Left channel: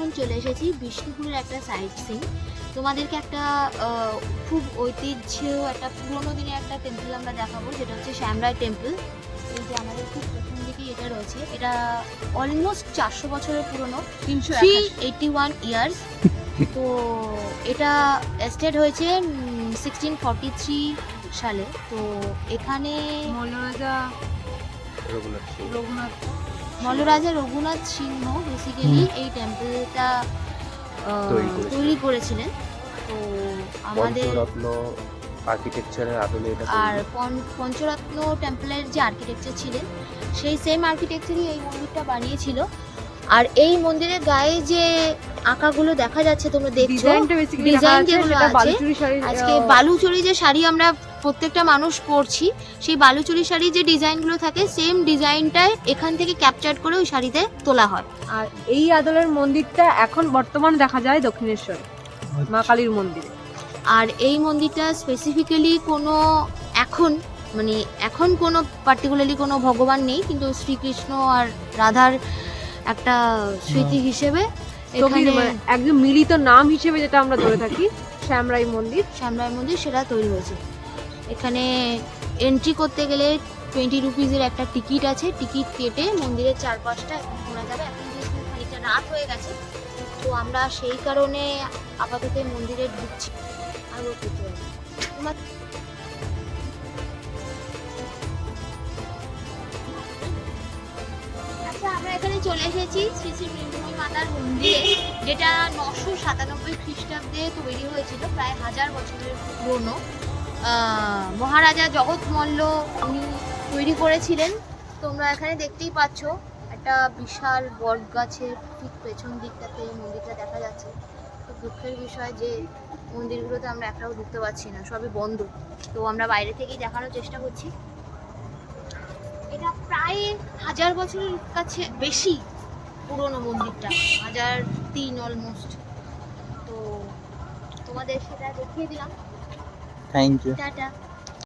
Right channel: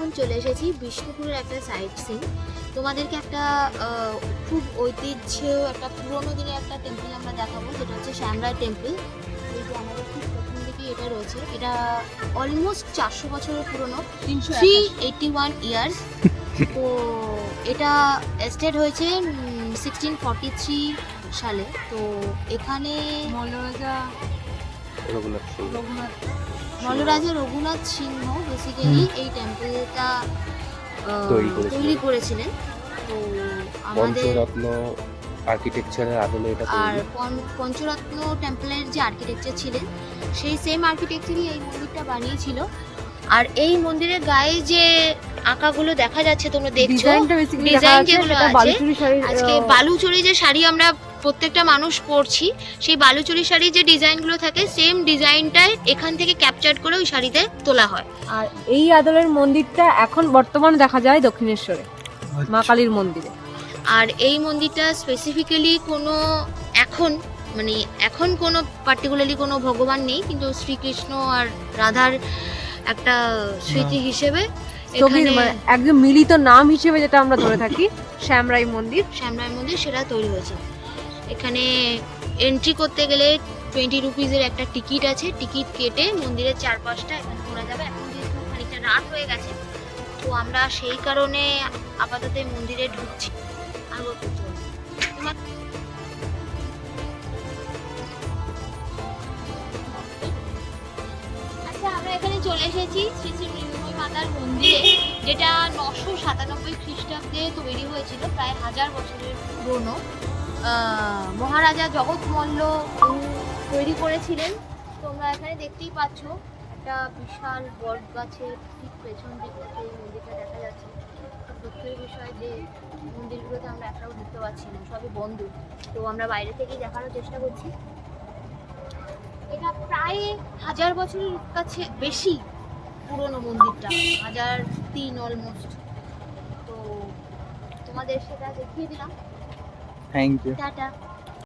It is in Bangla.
এখন চলে এসেছি বিষ্ণুপুরের একটা সাইট সিন। তোমাদেরকে একটা খুব ঐতিহ্য একটা পুরোনো দিনের একটা টেম্পল আমরা দেখাবো, যেটা হচ্ছে শ্যামরায় টেম্পল। এই যে আমাদের খুব প্রথম দিকেই এটা রয়েছে, এটা অলমোস্ট 400 বছরের পুরনো, 381 ইয়ার্স। তো এটা এস্টেট হয়েছে 1643 সালে। তো এখানে মল্লরাজা রঘুনাথ সিংহ বেসিক্যালি এই টেম্পলটা তৈরি করেছিলেন। তো আমাদের পঞ্চরত্ন আর্কিটেকচারের আদলে এটা আর পঞ্চরত্ন টেম্পলের যে আর্কিটেকচার ছিলেন, সেই সেম আর্কিটেকচারই এই মন্দিরটা বানিয়েছিল। আর এই মন্দিরের গায়ে যে আঁকাগুলো দেখা যাচ্ছে, তোমরা দেখছো ডিজাইন যেগুলো আছে, আজকে বালুচরী যে শাড়ি আমরা প্রত্যেকটা মানুষ পরছি, সেই বালুচরী শাড়ির যে ডিজাইনগুলো থাকে, সেম ডিজাইনটাই এখান থেকে ক্যাপচার করে ওই শাড়িতে তোলা হয়। আর এই আদলের মন্দিরটা এখন বর্তমানে দেখা যায় দক্ষিণেশ্বরে মা কালীর মন্দিরে। আর এই মন্দিরটা স্পেসিফিক্যালি কোনো এখন কোনো পার্টিকুলারলি কোনো ভগবান নেই, কিন্তু শ্রীকৃষ্ণ আর রাধার একটা স্মৃতি হিসেবে এখানে একদম মিলিত নাম হিসেবে যেটা আমরা ধরে থাকি শ্যামরাই মন্দির, সেটা তৈরি হয়েছে। এখানে এন্ট্রি করতে গেলে 20 রুপিজের একটা টিকিট আছে, টিকিট কেটে মন্দিরের চারপাশটা এখানে ঘোরা যাবে। এখন যেহেতু খানিকটা রাত হয়ে গেছে, তো আমরা সেই কারণে আপাতত মন্দিরে ঢুকছি। আচ্ছা, আমরা এখানে চলে এসেছি শ্রী শ্রী নীলমণি মাতার মন্দিরে, যেটা 997 খ্রিস্টাব্দে তৈরি হয়েছিল, প্রায় 1000 বছরের পুরনো। মহারাজা জগৎ মল্ল উনি তৈরি করেছিলেন। তোমরা এখানে দেখতেই পাচ্ছ একটা বিশাল বট গাছের ঠিক পেছন দিকটাতে এই মন্দিরটা দেখা যাচ্ছে। খুব দুঃখের বিষয় যে মন্দিরগুলোতে আমরা একটাও ঢুকতে পারছি না, সবই বন্ধ। তো আমরা বাইরে থেকেই দেখানোর চেষ্টা করছি। এটা প্রায় 1000 বছরের কাছে বেশি পুরনো মন্দিরটা, 1003 অলমোস্ট। তো তোমাদের সেটা দেখিয়ে দিলাম। Thank you. টাটা।